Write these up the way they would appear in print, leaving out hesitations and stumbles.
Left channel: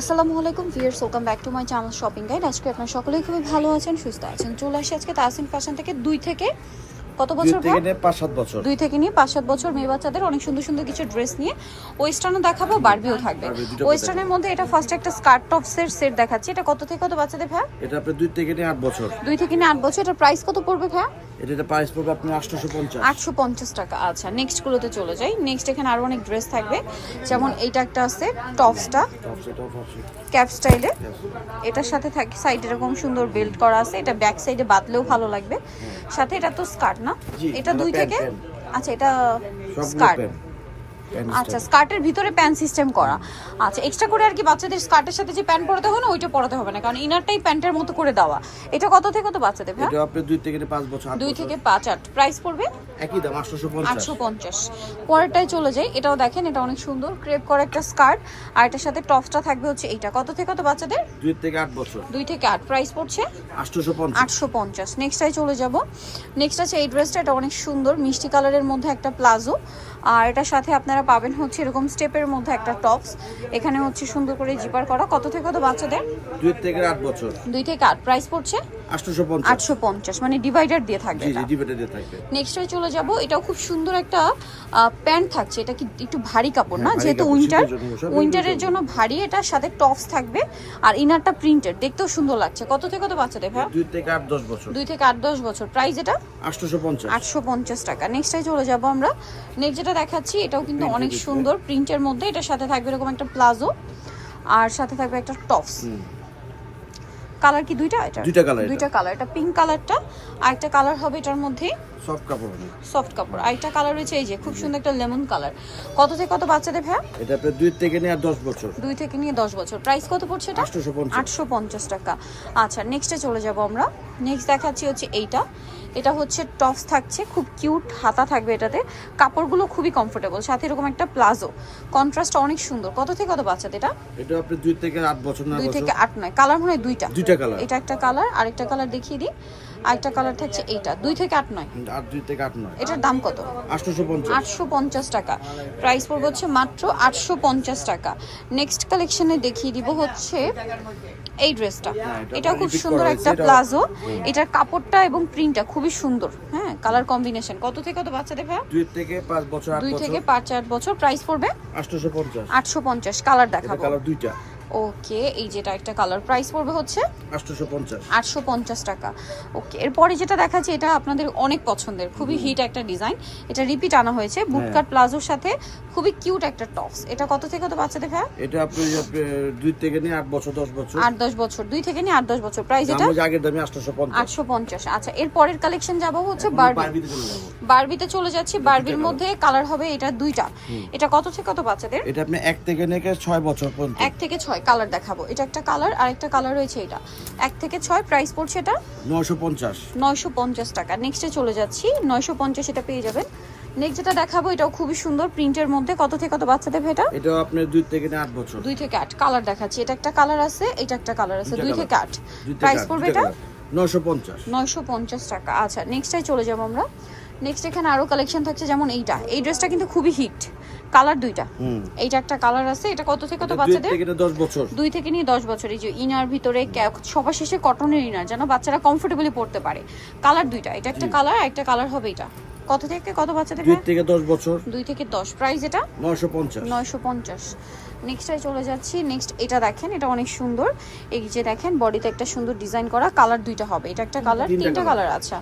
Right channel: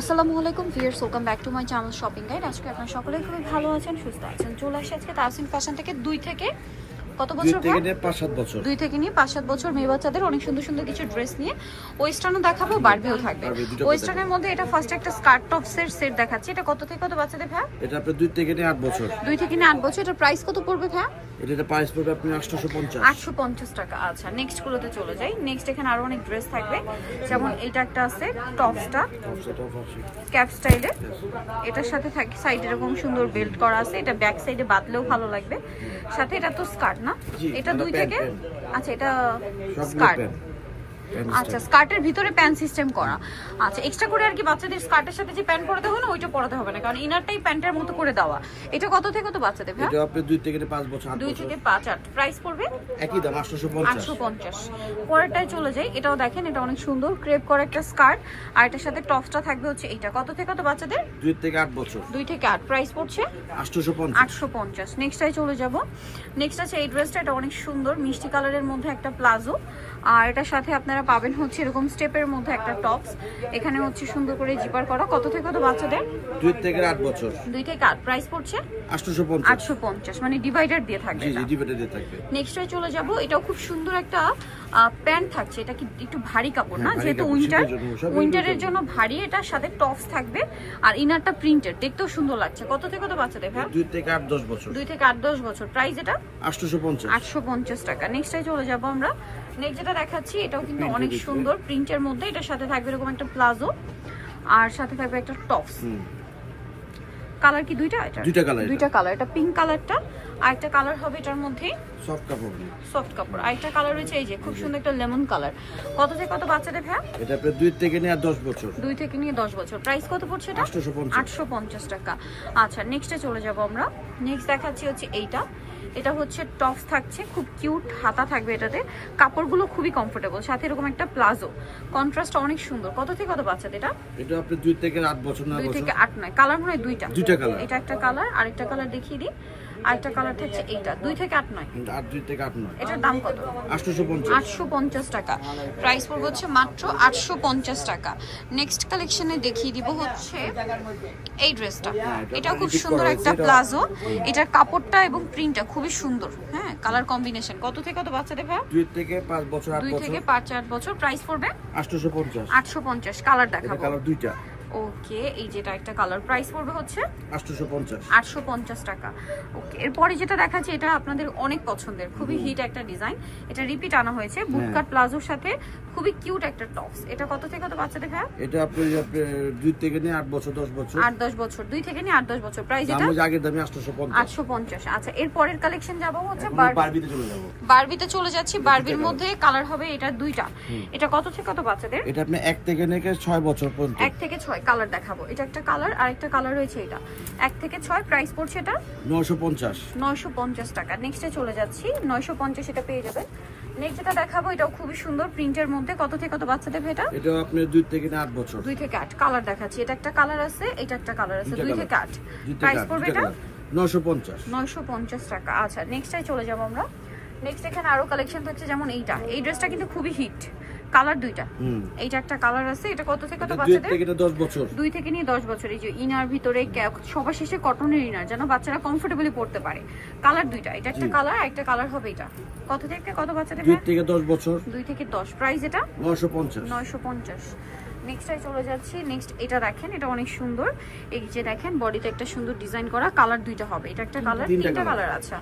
আসসালামু আলাইকুম viewers, welcome back to my channel shopping guide. আজকে আপনারা সকলেই খুবই ভালো আছেন, সুস্থ আছেন। চলে আসি আজকে তাসিন ফ্যাশন থেকে 2 থেকে কত বছর? 2 থেকে 5-7 বছর। 2 থেকে নিয়ে 5-7 বছর মেয়ে বাচ্চাদের অনেক সুন্দর সুন্দর কিছু ড্রেস নিয়ে ওয়েস্টার্নও দেখাবো, বারবিও থাকবে। ওয়েস্টার্নের মধ্যে এটা ফার্স্ট একটা স্কার্ট টপসের সেট দেখাচ্ছি। এটা কত থেকে কত বাচ্চাদের ভাই? এটা আপনি 2 থেকে 8 বছর। 2 থেকে 8 বছর। এটা প্রাইস কত পড়বে ভাই? এটা প্রাইস পড়বে আপনি 850। 850 টাকা। আচ্ছা, নেক্সট গুলোতে চলে যাই। নেক্সট এখানে আরো অনেক ড্রেস থাকবে, যেমন এইটা একটা আছে টপসটা ক্যাপ স্টাইলে। এটার সাথে থাকে সাইড এরকম সুন্দর বেল্ট করা আছে, এটা ব্যাক সাইডে বাঁধলেও ভালো লাগবে। সাথে এটা তো স্কার্ট না, এটা 2 থেকে। আচ্ছা, এটা স্কার্ট। আচ্ছা, স্কার্টের ভিতরে প্যান্ট সিস্টেম করা। আচ্ছা, এক্সট্রা করে আর কি বাচ্চাদের স্কার্টের সাথে যে প্যান্ট পরাতে হয় না, ওইটা পরাতে হবে না, কারণ ইনারটাই প্যান্টের মতো করে দেওয়া। এটা কত থেকে কত বাচ্চাদের ভাই? এটা আপনি 2 থেকে 5 বছর। 2 থেকে 5-8। প্রাইস পড়বে একই দাম 850। 850। পরেরটাই চলে যাই। এটাও দেখেন, এটা অনেক সুন্দর ক্রেপ করা একটা স্কার্ট, আর এটার সাথে টপসটা থাকবে হচ্ছে এইটা। কত থেকে কত বাচ্চাদের? 2 থেকে 8 বছর। 2 থেকে 8। প্রাইস পড়ছে 850। 850। নেক্সটটাই চলে যাব। নেক্সট আছে এই ড্রেসটা, এটা অনেক সুন্দর মিষ্টি কালারের মধ্যে একটা প্লাজো, আর এটার সাথে আপনারা পাবেন হচ্ছে এরকম স্টেপের মধ্যে একটা টপস। এখানে হচ্ছে সুন্দর করে জিপার করা। কত থেকে কত বাচ্চাদের? 2 থেকে 8 বছর। 2 থেকে 8। প্রাইস পড়ছে 850। 850, মানে ডিভাইডার দিয়ে থাকবে। জি জি, ডিভাইডার দিয়ে থাকবে। নেক্সটে চলে যাব। এটাও খুব সুন্দর একটা প্যান্ট থাকছে। এটা কি একটু ভারী কাপড় না, হ্যাঁ, যেহেতু উইন্টারের জন্য ভারী। এটার সাথে টপস থাকবে, আর ইনারটা প্রিন্টেড, দেখতেও সুন্দর লাগছে। কত থেকে কত বাচ্চাদের ভাই? 2 থেকে 8-10 বছর। 2 থেকে 8-10 বছর। প্রাইস এটা 850। 850 টাকা। নেক্সটে চলে যাব আমরা। নেক্সট যেটা দেখাচ্ছি, এটাও কিন্তু অনেক সুন্দর প্রিন্টের মধ্যে। এটার সাথে থাকবে এরকম একটা প্লাজো, আর সাথে থাকবে একটা টপস। কালার কি দুইটা? এটা দুইটা কালার। এটা পিঙ্ক কালারটা, আর একটা কালার হবে এটার মধ্যে সফট কাপড়। সফট কাপড়। আর একটা কালার রয়েছে এই যে খুব সুন্দর একটা লেমন কালার। কত থেকে কত বাচ্চাদের ভাই? এটা আপনি 2 থেকে 10 বছর। 2 থেকে 10 বছর। প্রাইস কত পড়ছে এটা? 850 টাকা। আচ্ছা, নেক্সটে চলে যাব আমরা। নেক্সট দেখাচ্ছি হচ্ছে এইটা। এটা হচ্ছে টপস থাকছে, খুব কিউট হাতা থাকবে এটাতে। কাপড়গুলো খুবই কমফোর্টেবল, সাথে এরকম একটা প্লাজো। কন্ট্রাস্ট অনেক সুন্দর। কত থেকে কত বাচ্চাদের এটা? এটা আপনি 2 থেকে 8 বছর। 2 থেকে 8 নয়, কালার মনে হয় দুইটা কালার। এটা একটা কালার, আরেকটা কালার দেখিয়ে দিই। আরেকটা কালার থাকছে এইটা। 2 থেকে 8 নয়। 2 থেকে 8 নয়। এটার দাম কত? 850 টাকা। প্রাইস পড়বে হচ্ছে মাত্র 850 টাকা। নেক্সট কালেকশনে দেখিয়ে দিব হচ্ছে এই ড্রেসটা। এটা খুব সুন্দর একটা প্লাজো। এটার কাপড়টা এবং প্রিন্টটা খুবই সুন্দর। হ্যাঁ, কালার কম্বিনেশন। কত থেকে কত বাচ্চাদের ভাই? 2 থেকে 5 বছর। 2 থেকে 5-8 বছর। প্রাইস পড়বে 850। 850। কালার দেখাবো। কালার দুইটা। ওকে, এই যেটা একটা কালার। প্রাইস পড়বে হচ্ছে 850 টাকা। ওকে, এরপরে যেটা দেখাচ্ছি, এটা আপনাদের অনেক পছন্দের, খুবই হিট একটা ডিজাইন। এটা রিপিট আনা হয়েছে বুটকাট প্লাজোর সাথে, খুবই কিউট একটা টপস। এটা কত থেকে কত বাচ্চাদের ভাই? এটা আপনি 2 থেকে 8 বছর 10 বছর। 8-10 বছর। 2 থেকে 8-10 বছর। প্রাইস এটা আগের দামে 850। 850। আচ্ছা, এরপরের কালেকশন যাব হচ্ছে বারবিতে চলে যাচ্ছি। বারবির মধ্যে কালার হবে এটা দুইটা। এটা কত থেকে কত বাচ্চাদের? এটা আপনি 1 থেকে 6 বছর পর্যন্ত। 1 থেকে 6 কালার দেখাবো। এটা একটা কালার, আরেকটা কালার রয়েছে এটা। 1 থেকে 6। প্রাইস পড়ছে এটা 950 টাকা। নেক্সটে চলে যাচ্ছি। 950 এটা পেয়ে যাবেন। নেক্সট যেটা দেখাবো, এটাও খুবই সুন্দর প্রিন্টের মধ্যে। কত থেকে কত বাচ্চাদের এটা? এটা আপনি 2 থেকে 8 বছর। 2 থেকে 8 কালার দেখাচ্ছি। এটা একটা কালার আছে, এটা একটা কালার আছে। 2 থেকে 8। প্রাইস পড়বে এটা 950 টাকা। আচ্ছা, নেক্সটে চলে যাব আমরা। নেক্সট এখানে আরো কালেকশন থাকছে, যেমন এইটা। এই ড্রেসটা কিন্তু খুবই হিট, কালার দুইটা। এইটা একটা কালার আছে। এটা কত থেকে কত বাচ্চাদের? 2 থেকে 10 বছর। 2 থেকে 10 বছর। এই যে ইনার ভিতরে সবার শেষে কটনের ইনার, যেন বাচ্চারা কমফোর্টেবলি পড়তে পারে। কালার দুইটা। এটা একটা কালার, একটা কালার হবে এটা। কত থেকে কত বাচ্চাদের? 2 থেকে 10 বছর। 2 থেকে 10। প্রাইস এটা 950। নেক্সটে চলে যাচ্ছি। নেক্সট এটা দেখেন, এটা অনেক সুন্দর। এই যে দেখেন, বডিতে একটা সুন্দর ডিজাইন করা। কালার দুইটা হবে। এটা একটা কালার, তিনটা কালার। আচ্ছা,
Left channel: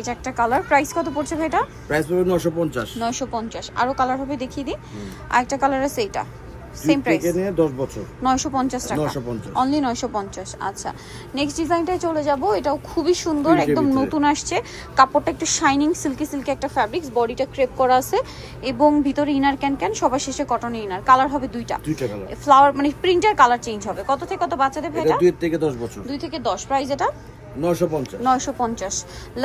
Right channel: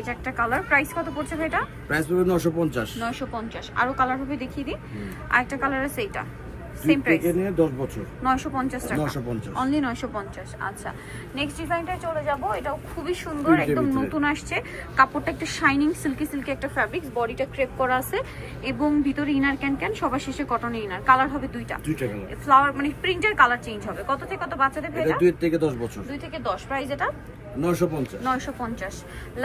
এটা একটা কালার। প্রাইস কত পড়ছে ভাই এটা? প্রাইস পড়বে 950। আরো কালার হবে, দেখিয়ে দিই। আরেকটা কালার আছে, এটা সেম প্রাইস। 10 বছর। 950 টাকা। অনলি 950। আচ্ছা, নেক্সট ডিজাইনটায় চলে যাব। এটাও খুবই সুন্দর, একদম নতুন আসছে। কাপড়টা একটু শাইনিং, সিল্কি একটা ফ্যাব্রিক্স। বডিটা ক্রেপ করা আছে, এবং ভিতরে ইনার ক্যান, সবার শেষে কটনের ইনার। কালার হবে দুইটা কালার। ফ্লাওয়ার মানে প্রিন্টের কালার চেঞ্জ হবে। কত থেকে কত বাচ্চাদের ভাই এটা? 2 থেকে 10 বছর। 2 থেকে 10। প্রাইস এটা 950।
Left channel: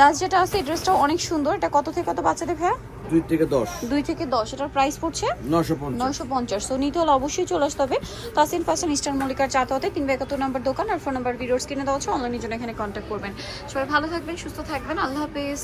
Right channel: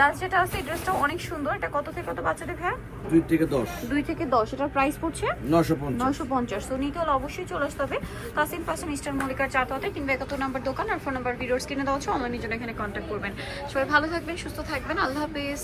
লাস্ট যেটা আছে, এই ড্রেসটাও অনেক সুন্দর। এটা কত থেকে কত বাচ্চাদের ভাই? 2 থেকে 10। 2 থেকে 10। এটার প্রাইস পড়ছে 950। সো নিতে হলে অবশ্যই চলে আসতে হবে তাসিন ফ্যাশন, ইস্টার্ন মল্লিকার 4 কিংবা 71 নম্বর দোকান। আর ফোন নাম্বার ভিডিওর স্ক্রিনে দেওয়া আছে, অনলাইনের জন্য এখানে কন্ট্যাক্ট করবেন। সবাই ভালো থাকবেন, সুস্থ থাকবেন। আল্লাহ হাফেজ।